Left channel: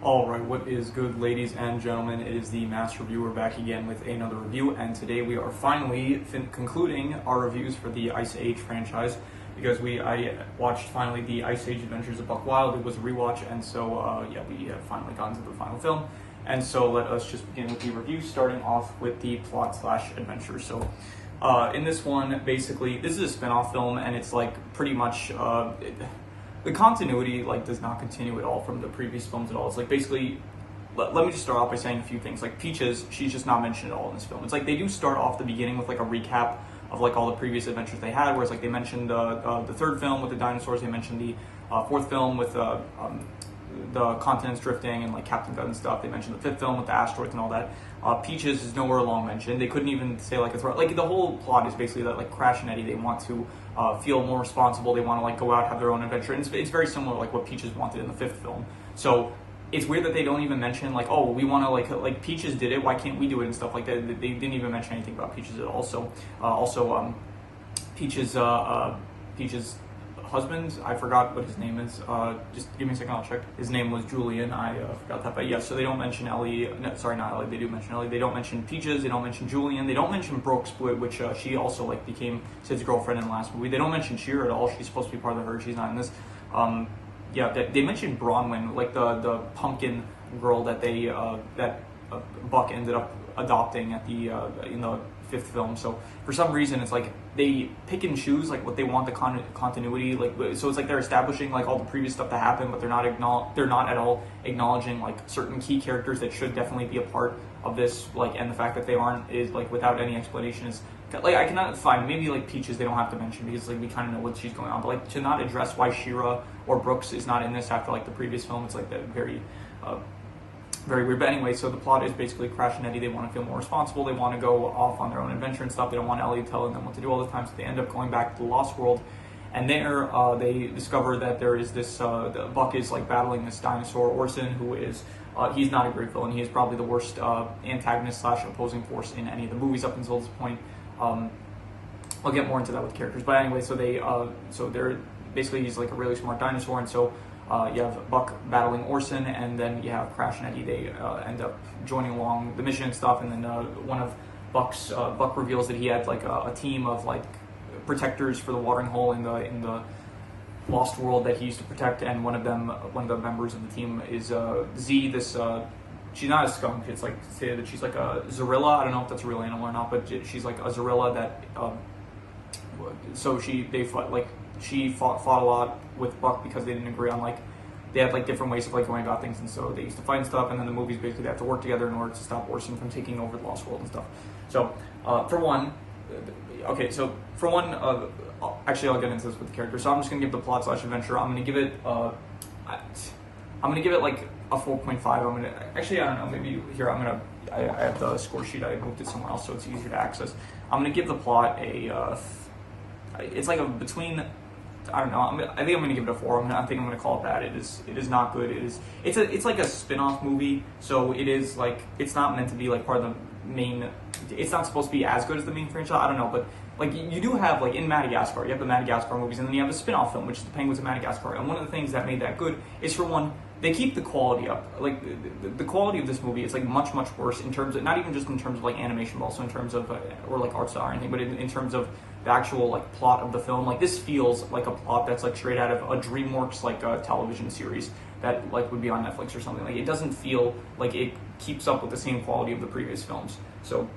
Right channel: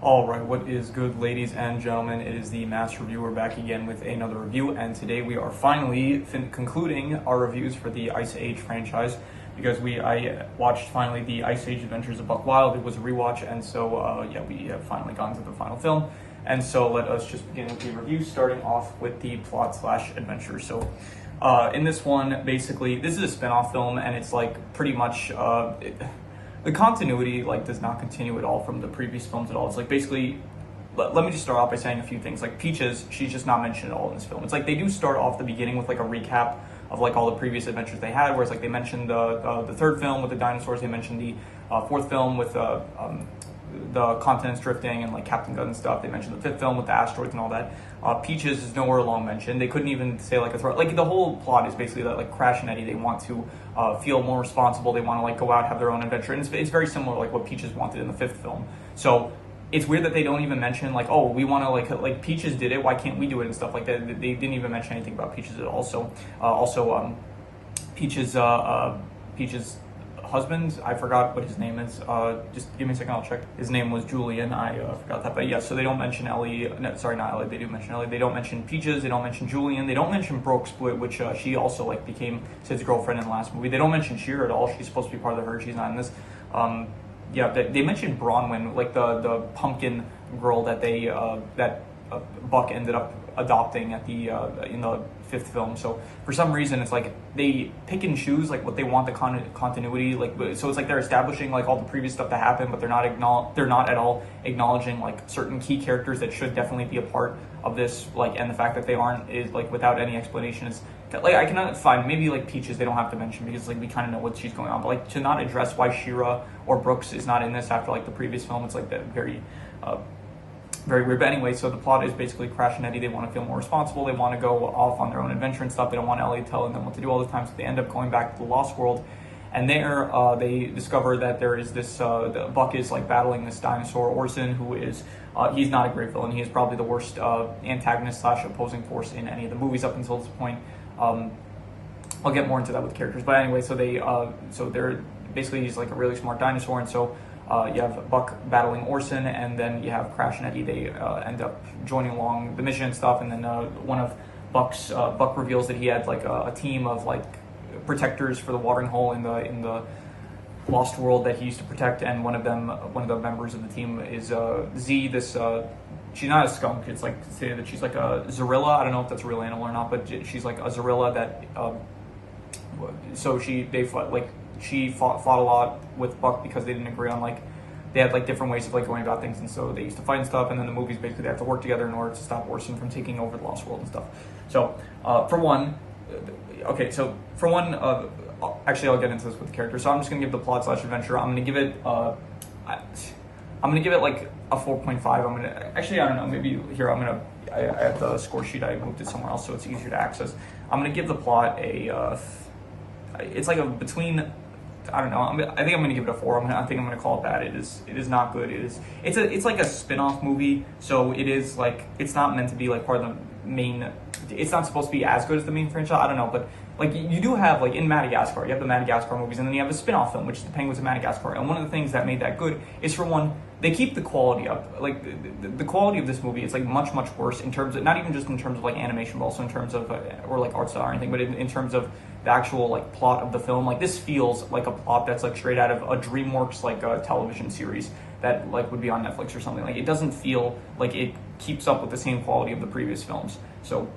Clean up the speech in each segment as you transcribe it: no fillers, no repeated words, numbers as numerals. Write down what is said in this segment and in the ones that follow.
Alright, what is good, ladies and gentlemen? It is the Mass Reviewer back again with another review, and today we are finally concluding our reviews for the Ice Age franchise, because I watched finally the Ice Age Adventures of Buck Wild. It was a rewatch, and so we have finally gotten to the final film, and so let us just begin with the review, starting off with the plot slash adventure. So in this one, basically, this is a spin-off film, and it's like pretty much the continuity does not continue at all from the previous films at all. It's like basically, let me just start off by saying a few things. Like Peaches, she's just not mentioned at all in this film. It's like they do start off the beginning with like a recap of like all the previous adventures they had, whereas like they mentioned the third film with the dinosaurs, they mentioned the fourth film with the continents drifting and like Captain Gun and stuff. They mentioned the fifth film with the asteroids and all that. Peaches is nowhere along mentioned. They couldn't even say like a threat. Like the whole plot is basically that like Crash and Eddie, they want to feel more responsible. They want to like go out, have their own adventure. And it's very similar to like what Peaches wanted in the fifth film. So it's weird that they don't even mention like, oh, we want to like Peaches did it, why can't we do it and stuff like that. They didn't even mention anything about Peaches at all. So also Peaches husband, I forgot what his name is. Just give me a second, I'll check. His name was Julian. I forgot that, but yeah. So they don't mention Ellie. No, sorry, not Ellie. They do mention Ellie. They don't mention Peaches. They don't mention Julian. They don't mention Brooks, which she also like became Sid's girlfriend in the last movie. They don't mention Sheer at all. She's supposed to be part of the herd. She's not in this. Yeah, they mentioned Bronwyn, like the pumpkin girl that they Buck ended up adopting at the in the fifth film. So for some reason it's like they pick and choose like what they want the continuity, like, so it's like they're establishing like all the previous stuff that happened, but they're not at all acknowledging like certain key characters that should definitely be a part of this, like, and the fact that they aren't is like without any explanation is like, I cannot find, maybe like Peaches they don't have to mention because like we kind of know what she's going on, but like to not address why Shira or Brooks is not in this after like the previous film, it's like that very weird. But anyway, so the plot is basically Crash and Eddie, they want to feel more responsible, they want to go off on their own adventure and stuff, they don't want Ellie telling them what to do all the time, so they end up going back to the Lost World, and there they discover that there is this, Buck is like battling this dinosaur, Orson, who is, he's not a great villain, he is probably the worst antagonist slash opposing force in any of the movies up until this point. I'll get more into that with characters, but anyway, so they're basically, he's like a really smart dinosaur, and so you have Buck battling Orson, and then you have Crash and Eddie. They end up joining along the mission and stuff, and then one of Buck reveals that he had like a team of like protectors for the watering hole in the Lost World that he used to protect, and one of the members of the team is Z. This she's not a skunk. It's like to say that she's like a Zorilla. I don't know if that's a real animal or not, but she's like a Zorilla that. So she fought a lot with Buck because they didn't agree on like they had like different ways of like going about things, and so they used to fight and stuff, and then the movies basically they have to work together in order to stop Orson from taking over the Lost World and stuff. So actually I'll get into this with the character. So I'm just gonna give the plot slash adventure. I'm gonna give it like a 4.5. I don't know, maybe here I have the score sheet, I moved it somewhere else so it's easier to access. I'm gonna give the plot it's like a between, I don't know, I think I'm gonna give it a 4. I think I'm gonna call it that. It is not good. It's like a spin-off movie, so it is like, it's not meant to be like part of the main, it's not supposed to be as good as the main franchise, I don't know, but like you do have like in Madagascar, you have the Madagascar movies, and then you have a spin-off film, which is the Penguins of Madagascar, and one of the things that made that good is, for one, they keep the quality up. Like the quality of this movie is like much worse in terms of, not even just in terms of like animation, but also in terms of or like art style or anything, but in terms of the actual like plot of the film. Like this feels like a plot that's like straight out of a DreamWorks like television series that like would be on Netflix or something. Like it doesn't feel like it keeps up with the same quality of the previous films. So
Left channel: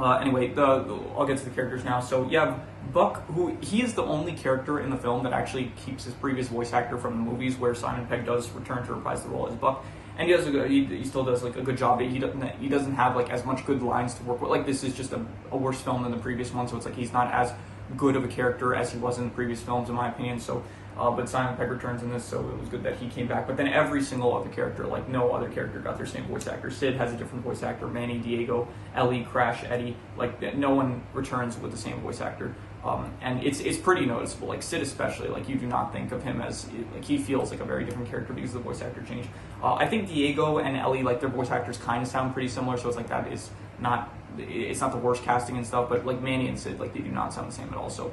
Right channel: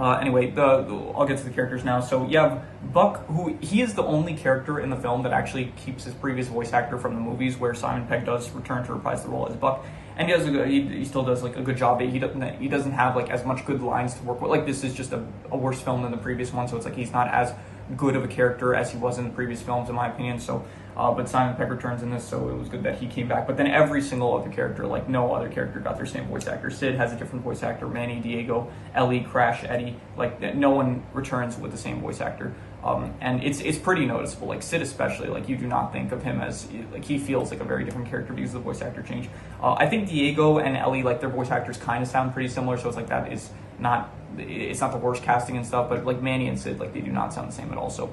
anyway, I'll get to the characters now. So you have Buck, who he is the only character in the film that actually keeps his previous voice actor from the movies, where Simon Pegg does return to reprise the role as Buck, and he still does like a good job. He doesn't have like as much good lines to work with. Like this is just a worse film than the previous one, so it's like he's not as good of a character as he was in the previous films, in my opinion. So but Simon Pegg returns in this, so it was good that he came back. But then every single other character, like no other character got their same voice actor. Sid has a different voice actor, Manny, Diego, Ellie, Crash, Eddie, like no one returns with the same voice actor. And it's pretty noticeable, like Sid especially, like you do not think of him as, like he feels like a very different character because of the voice actor change. I think Diego and Ellie, like their voice actors kind of sound pretty similar, so it's like that is not, it's not the worst casting and stuff, but like Manny and Sid, like they do not sound the same at all. So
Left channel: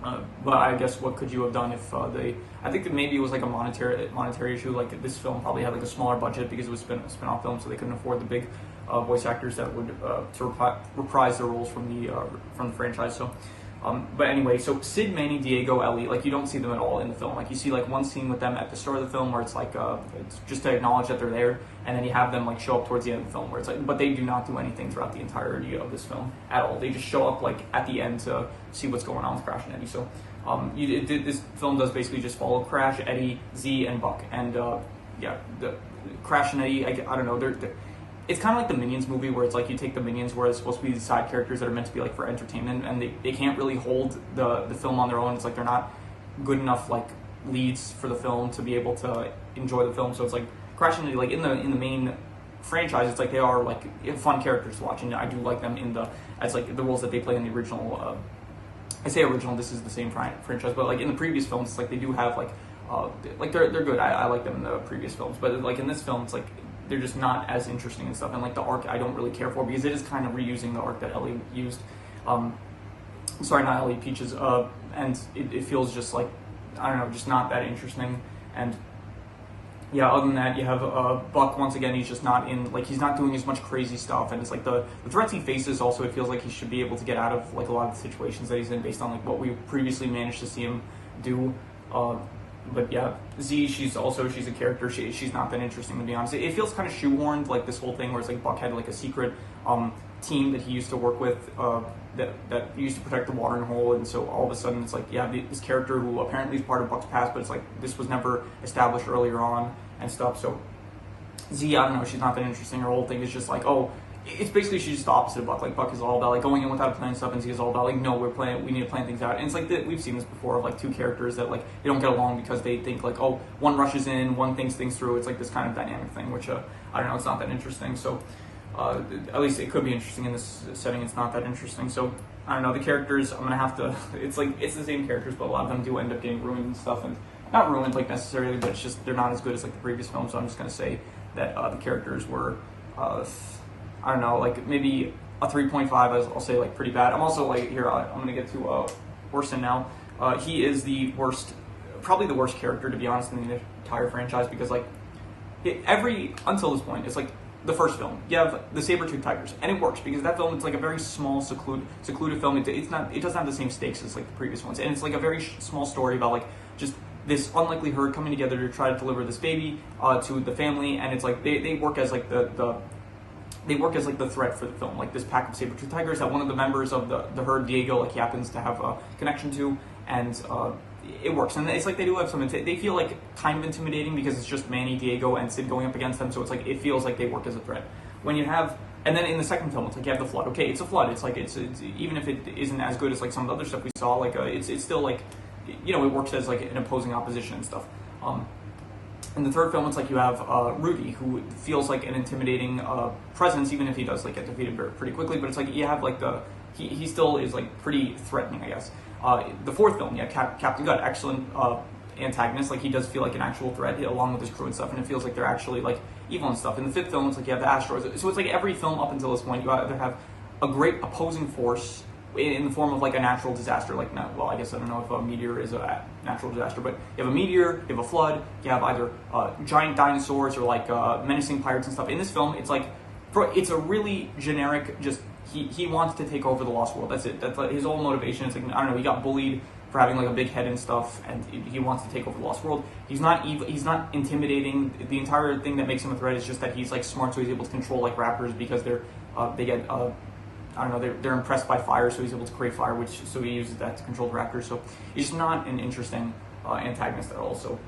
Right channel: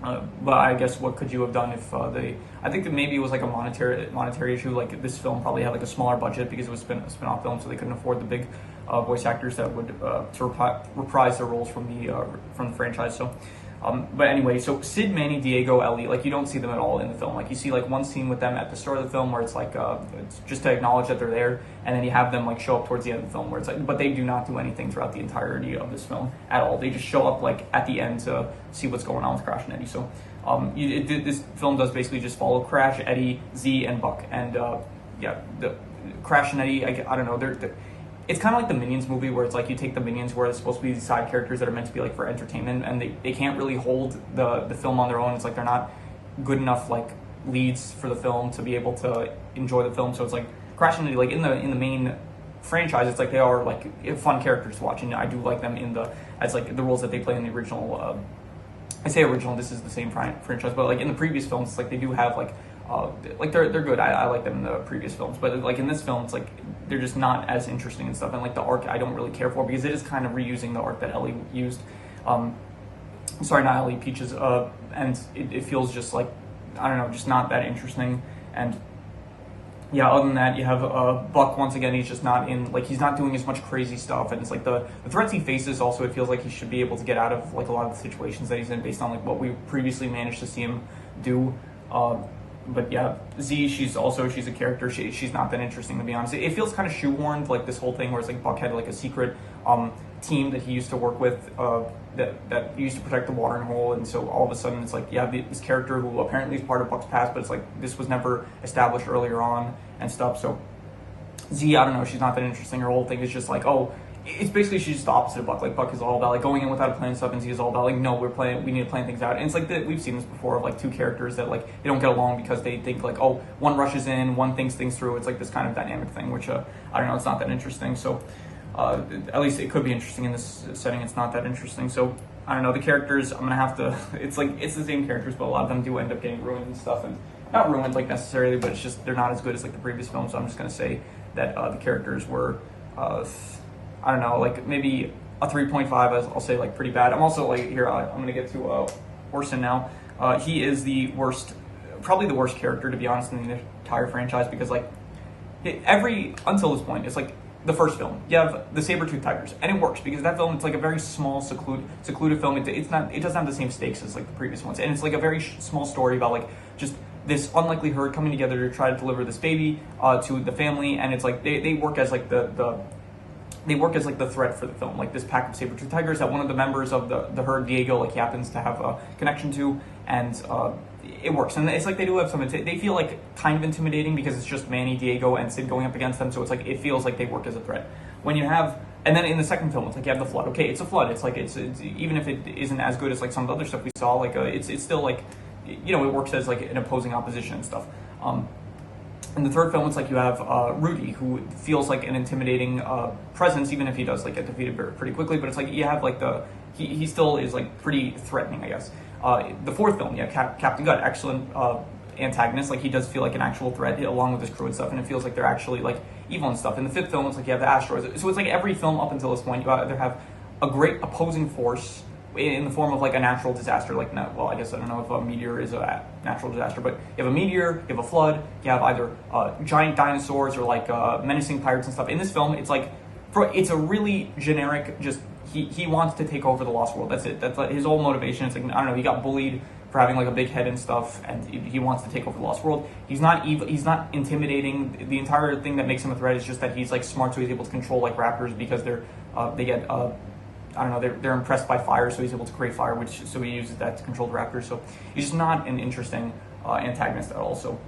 But I guess what could you have done if they? I think that maybe it was like a monetary issue. Like this film probably had like a smaller budget because it was a spin-off film, so they couldn't afford the big voice actors that would to reprise their roles from the franchise. So. But anyway, so Sid, Manny, Diego, Ellie, like you don't see them at all in the film. Like you see like one scene with them at the start of the film where it's like it's just to acknowledge that they're there, and then you have them like show up towards the end of the film where it's like, but they do not do anything throughout the entirety of this film at all. They just show up like at the end to see what's going on with Crash and Eddie. So this film does basically just follow Crash, Eddie, Z, and Buck, and yeah, the Crash and Eddie. I don't know. They're it's kind of like the Minions movie where it's like you take the Minions where it's supposed to be these side characters that are meant to be like for entertainment, and they can't really hold the film on their own. It's like they're not good enough like leads for the film to be able to enjoy the film. So it's like Crash and Eddie, like in the main franchise, it's like they are like fun characters to watch, and I do like them as like the roles that they play in the original. I say original, this is the same franchise, but like in the previous films, it's like they do have like they're good. I like them in the previous films, but like in this film, it's like they're just not as interesting and stuff. And like the arc, I don't really care for because it is kind of reusing the arc that Ellie used. Sorry, not Ellie, Peaches. And it feels just like I don't know, just not that interesting. And yeah, other than that, you have Buck once again. He's just not he's not doing as much crazy stuff, and it's like the threats he faces. Also, it feels like he should be able to get out of like a lot of the situations that he's in based on like what we previously managed to see him do. But yeah, Z, she's a character. She's not that interesting, to be honest. It feels kind of shoehorned, like this whole thing where it's like Buck had like a secret team that he used to work with that used to protect the watering hole, and so all of a sudden it's like this character who apparently is part of Buck's past, but it's like this was never established earlier on and stuff. So Z, I don't know, she's not that interesting. Her whole thing is just like, oh, it's basically she's just the opposite of Buck. Like Buck is all about like going in without a plan and stuff, and Z is all about like, no, we need to plan things out. And it's like we've seen this before of like two characters that like they don't get along because they think like, oh, one rushes in, one thinks things through. It's like this kind of dynamic thing, which I don't know, it's not that interesting. So at least it could be interesting in this setting. It's not that interesting. So I don't know, the characters, I'm gonna have to. It's like it's the same characters, but a lot of them do end up getting ruined and stuff, and not ruined like necessarily, but it's just they're not as good as like the previous film. So I'm just gonna say that the characters were. I don't know, like maybe a 3.5. I'll say like pretty bad. I'm also like here. I'm gonna get to Orson now. He is the worst, probably the worst character to be honest in the entire franchise because like until this point, it's like the first film. You have the Saber-Tooth Tigers, and it works because that film it's like a very small, secluded film. It doesn't have the same stakes as like the previous ones, and it's like a very small story about like just this unlikely herd coming together to try to deliver this baby to the family, and it's like they work as like they work as like the threat for the film, like this pack of saber-tooth tigers that one of the members of the herd, Diego, like he happens to have a connection to, and it works. And it's like they do have some, they feel like kind of intimidating because it's just Manny, Diego, and Sid going up against them, so it's like it feels like they work as a threat. When you have, and then in the second film, it's like you have the flood. Okay, it's a flood. It's like it's even if it isn't as good as like some of the other stuff we saw, like it's still like, you know, it works as like an opposing opposition and stuff. In the third film, it's like you have Rudy, who feels like an intimidating presence, even if he does like get defeated pretty quickly. But it's like you have like he still is like pretty threatening, I guess. The fourth film, yeah, Captain Gut, excellent antagonist. Like he does feel like an actual threat along with his crew and stuff, and it feels like they're actually like evil and stuff. In the fifth film, it's like you have the asteroids. So it's like every film up until this point, you either have a great opposing force in the form of like a natural disaster, like well, I guess I don't know if a meteor is a natural disaster, but you have a meteor, you have a flood, you have either giant dinosaurs or like menacing pirates and stuff. In this film, it's like it's a really generic, just he wants to take over the Lost World. That's it. That's like his whole motivation. It's like I don't know, he got bullied for having like a big head and stuff, and he wants to take over the Lost World. He's not evil. He's not intimidating. The entire thing that makes him a threat is just that he's like smart, so he's able to control like raptors because they get. I don't know, they're impressed by fire, so he's able to create fire, so he uses that to control the raptors. So he's not an interesting antagonist at all. So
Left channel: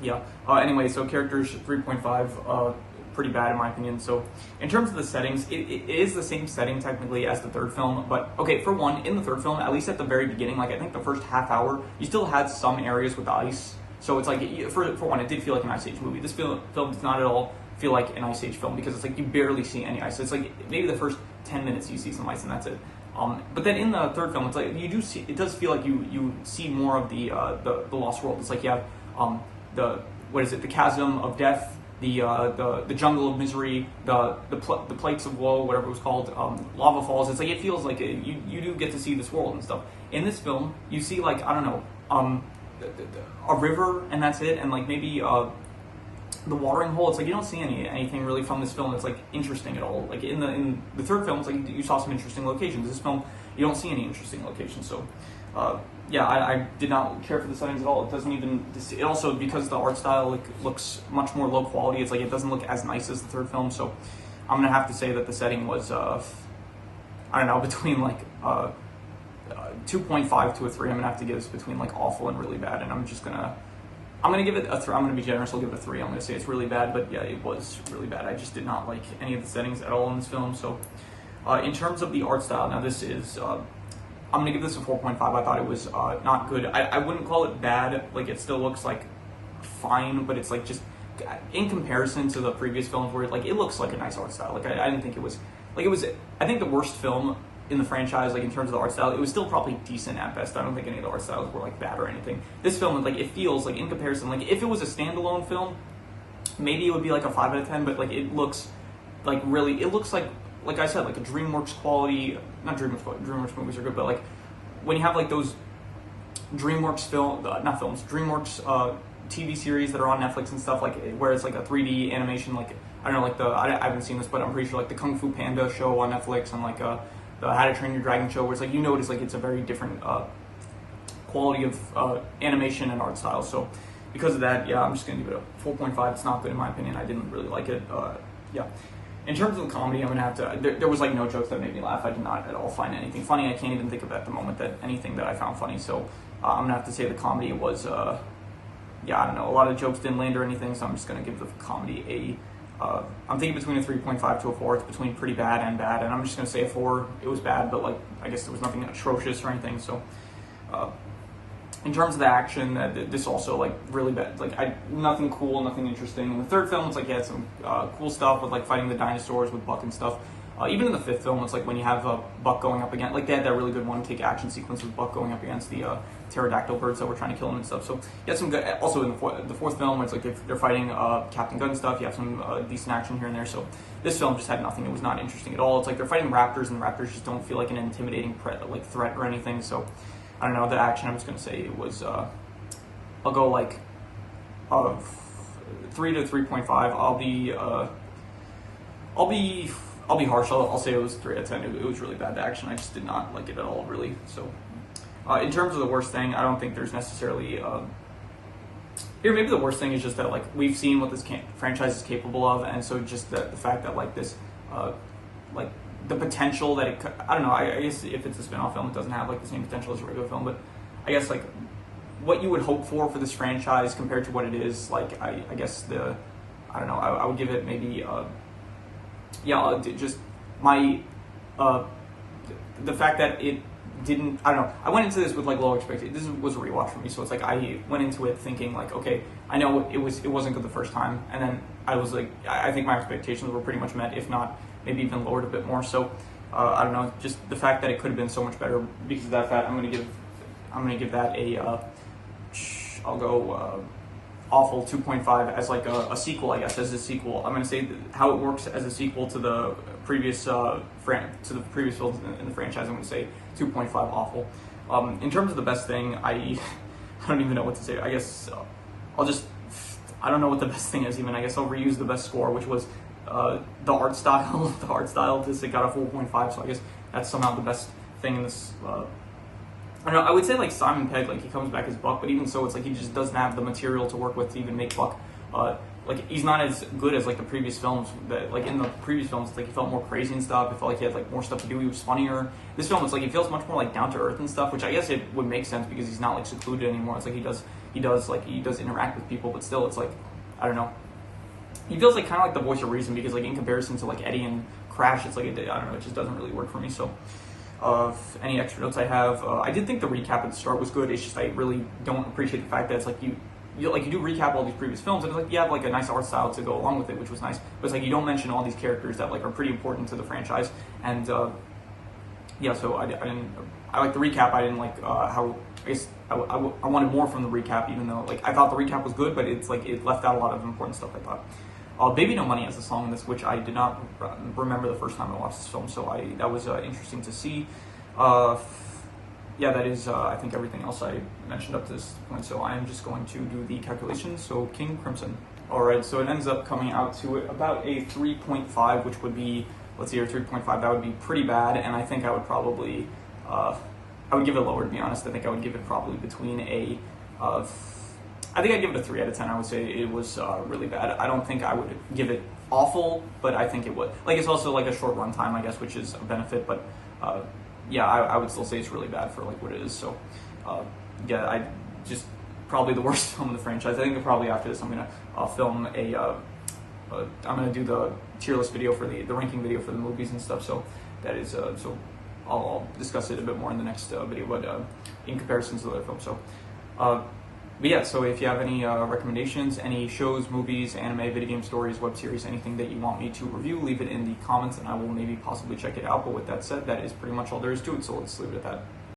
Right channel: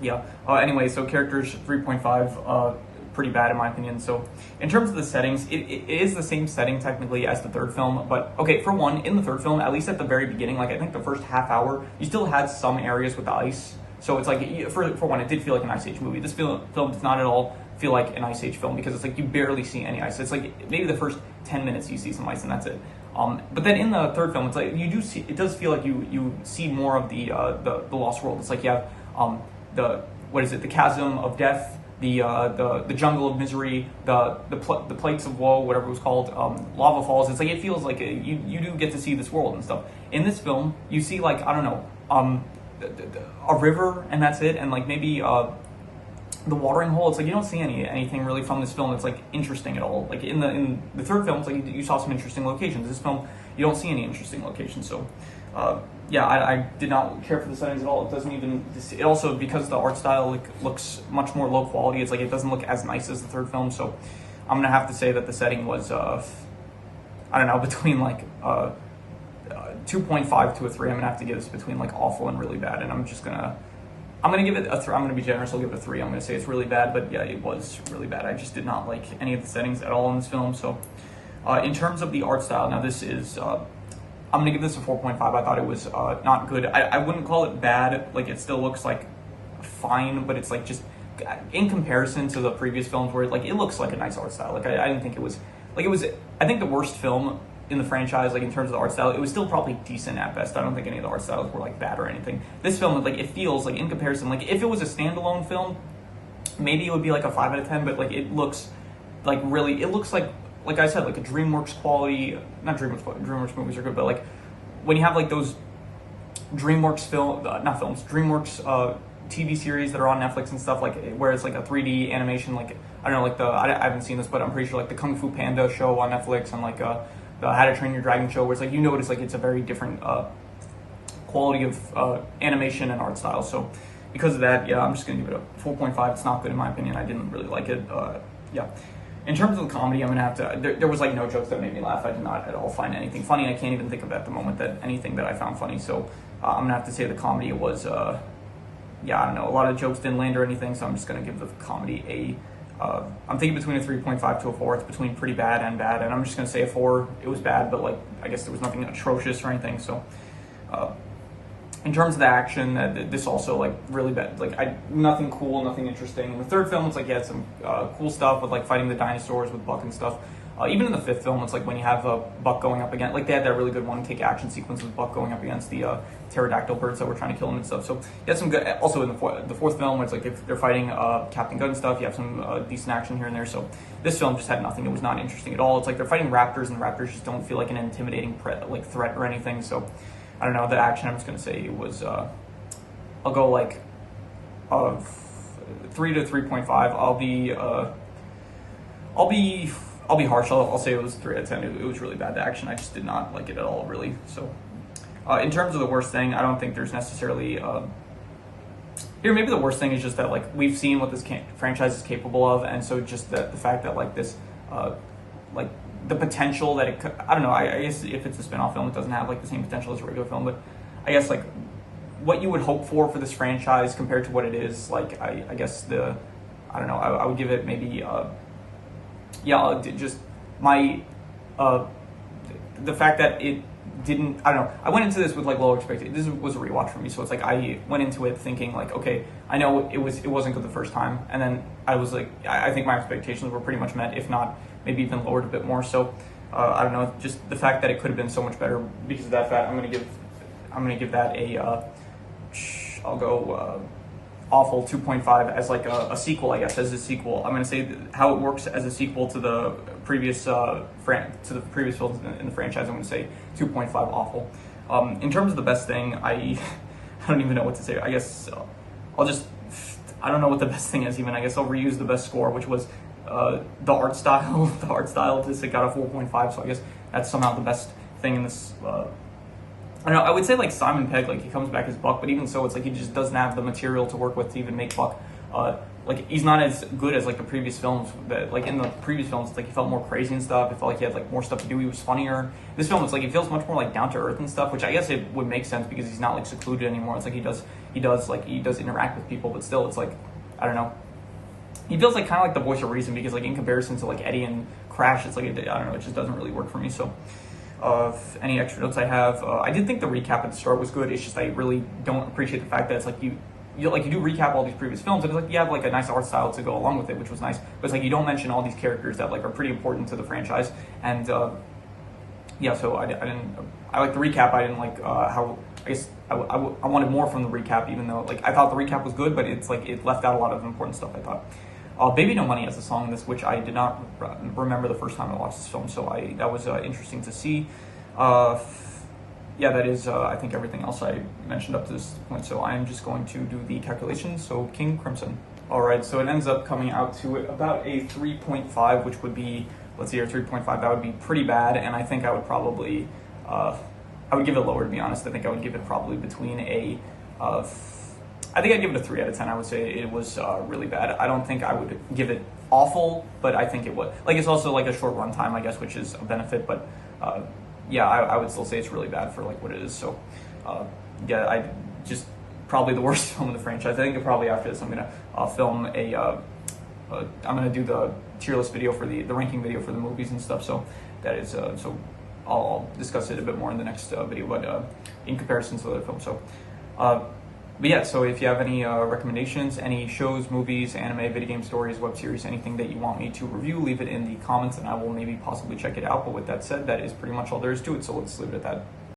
yeah. Anyway, so characters 3.5, pretty bad in my opinion. So in terms of the settings, it is the same setting technically as the third film, but okay, for one, in the third film, at least at the very beginning, like I think the first half hour, you still had some areas with ice. So it's like, for one, it did feel like an Ice Age movie. This film does not at all feel like an Ice Age film because it's like you barely see any ice. It's like maybe the first 10 minutes you see some ice and that's it. But then in the third film, it's like you do see, it does feel like you see more of the Lost World. It's like you have the chasm of death, the jungle of misery, the plates of woe, whatever it was called, lava falls. It's like it feels like you do get to see this world and stuff. In this film, you see like, I don't know, a river and that's it, and like maybe the watering hole. It's like you don't see anything really from this film that's like interesting at all. Like in the third film, it's like you saw some interesting locations. This film, you don't see any interesting locations. So yeah, I did not care for the settings at all. It doesn't even. It also, because the art style like looks much more low quality. It's like it doesn't look as nice as the third film. So I'm gonna have to say that the setting was I don't know, between like 2.5 to a 3. I'm gonna have to give this between like awful and really bad, and I'm gonna give it a 3. I'm gonna be generous. I'll give it a 3. I'm gonna say it's really bad, but yeah, it was really bad. I just did not like any of the settings at all in this film. So in terms of the art style, now this is. I'm gonna give this a 4.5. I thought it was not good. I wouldn't call it bad. Like it still looks like fine, but it's like just in comparison to the previous films where like it looks like a nice art style. Like I didn't think it was like it was. I think the worst film in the franchise, like in terms of the art style, it was still probably decent at best. I don't think any of the art styles were like bad or anything. This film, like it feels like in comparison, like if it was a standalone film, maybe it would be like a 5 out of 10. But like it looks like really, it looks like I said, like a DreamWorks quality, not DreamWorks quality, DreamWorks movies are good, but like when you have like those DreamWorks DreamWorks TV series that are on Netflix and stuff, like where it's like a 3D animation, like I don't know, like I haven't seen this, but I'm pretty sure like the Kung Fu Panda show on Netflix and like the How to Train Your Dragon show, where it's like you notice like it's a very different quality of animation and art style. So because of that, yeah, I'm just gonna give it a 4.5. It's not good in my opinion. I didn't really like it. Yeah. In terms of the comedy, I'm gonna have to. There was like no jokes that made me laugh. I did not at all find anything funny. I can't even think of at the moment that anything that I found funny. So I'm gonna have to say the comedy was, yeah, I don't know. A lot of jokes didn't land or anything. So I'm just gonna give the comedy a. I'm thinking between a 3.5 to a 4. It's between pretty bad and bad, and I'm just gonna say a 4. It was bad, but like I guess there was nothing atrocious or anything. So. In terms of the action, this also like really bad. Like nothing cool, nothing interesting. In the third film, it's like you had some cool stuff with like fighting the dinosaurs with Buck and stuff. Even in the fifth film, it's like when you have Buck going up against, like they had that really good one-kick action sequence with Buck going up against the pterodactyl birds that were trying to kill him and stuff. So you had some good. Also in the fourth film, where it's like if they're fighting Captain Gun and stuff, you have some decent action here and there. So this film just had nothing. It was not interesting at all. It's like they're fighting raptors, and the raptors just don't feel like an intimidating threat or anything. So. I don't know, the action, I'm just going to say it was, I'll go like 3 to 3.5. I'll be harsh. I'll say it was 3 out of 10. It was really bad, the action. I just did not like it at all, really. So in terms of the worst thing, I don't think there's necessarily, here maybe the worst thing is just that like we've seen what this franchise is capable of, and so just the fact that like this, like, the potential that it could, I don't know, I guess if it's a spin-off film, it doesn't have like the same potential as a regular film, but I guess like what you would hope for this franchise compared to what it is, like I guess I don't know, I would give it maybe, yeah, just my, the fact that it didn't, I don't know, I went into this with like low expectations. This was a rewatch for me, so it's like I went into it thinking like, okay, I know it wasn't good the first time, and then I was like, I think my expectations were pretty much met, if not maybe even lowered a bit more. So I don't know, just the fact that it could have been so much better. Because of that fact, I'm gonna give that a I'll go awful 2.5 as like a sequel, I guess, as a sequel. I'm gonna say how it works as a sequel to the previous previous films in the franchise. I'm gonna say 2.5 awful. In terms of the best thing, I don't even know what to say. I guess I don't know what the best thing is even. I guess I'll reuse the best score, which was the art style. The art style of this, it got a 4.5, so I guess that's somehow the best thing in this. I don't know, I would say like Simon Pegg, like he comes back as Buck, but even so, it's like he just doesn't have the material to work with to even make Buck. Like he's not as good as like the previous films. That like in the previous films, it's like he felt more crazy and stuff. It felt like he had like more stuff to do. He was funnier. This film, it's like it feels much more like down to earth and stuff, which I guess it would make sense because he's not like secluded anymore. It's like he does interact with people, but still, it's like I don't know. He feels like kind of like the voice of reason because like in comparison to like Eddie and Crash, it's like I don't know, it just doesn't really work for me. So any extra notes I have, I did think the recap at the start was good. It's just I really don't appreciate the fact that it's like you do recap all these previous films, and it's like you have like a nice art style to go along with it, which was nice. But it's like you don't mention all these characters that like are pretty important to the franchise. And yeah, so I like the recap. I didn't like how I guess I wanted more from the recap, even though like I thought the recap was good, but it's like it left out a lot of important stuff, I thought. Baby No Money has a song in this, which I did not remember the first time I watched this film, so that was interesting to see. Yeah, that is, I think, everything else I mentioned up to this point, so I am just going to do the calculations. So King Crimson. All right, so it ends up coming out to about a 3.5, which would be, let's see here, 3.5, that would be pretty bad, and I think I would probably, I would give it lower, to be honest. I think I would give it probably between I think I'd give it a 3 out of 10. I would say it was really bad. I don't think I would give it awful, but I think it would. Like, it's also like a short run time, I guess, which is a benefit, but yeah, I would still say it's really bad for like what it is. So yeah, I just probably the worst film in the franchise. I think probably after this I'm gonna film I'm gonna do the tier list video for the ranking video for the movies and stuff. So that is so I'll discuss it a bit more in the next video, but in comparison to the other films. So but yeah, so if you have any recommendations, any shows, movies, anime, video game stories, web series, anything that you want me to review, leave it in the comments and I will maybe possibly check it out. But with that said, that is pretty much all there is to it. So let's leave it at that.